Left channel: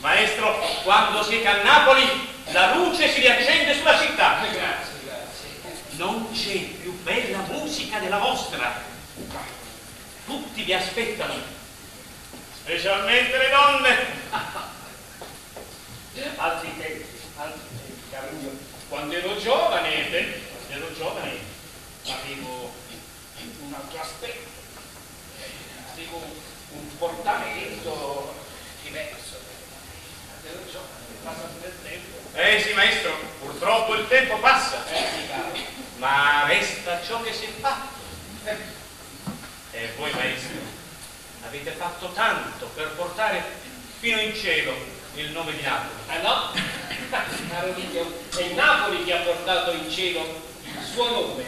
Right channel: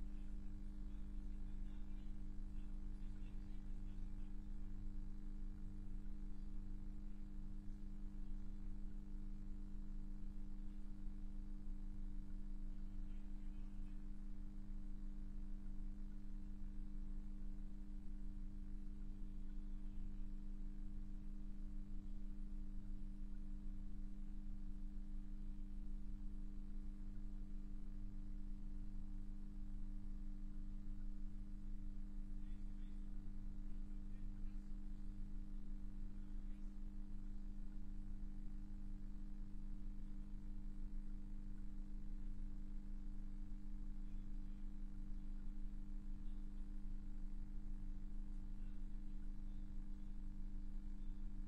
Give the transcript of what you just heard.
Maestro, quando siete a Napoli, la luce si riaccende sulla città. Grazie. Non c'è più bella musica della vostra. Tutti vi aspettano, specialmente le donne. Altri tempi, caro mio. Quando ero giovane, avevo un altro aspetto, avevo un portamento diverso. Quando ero giovane, passato del tempo. Sì, maestro, purtroppo il tempo passa. Sì, caro. Ma resta ciò che si è fatto. E voi, maestro, avete fatto tanto per portare fino in cielo il nome di Napoli. Ah no? Caro mio, è Napoli che ha portato in cielo il suo nome.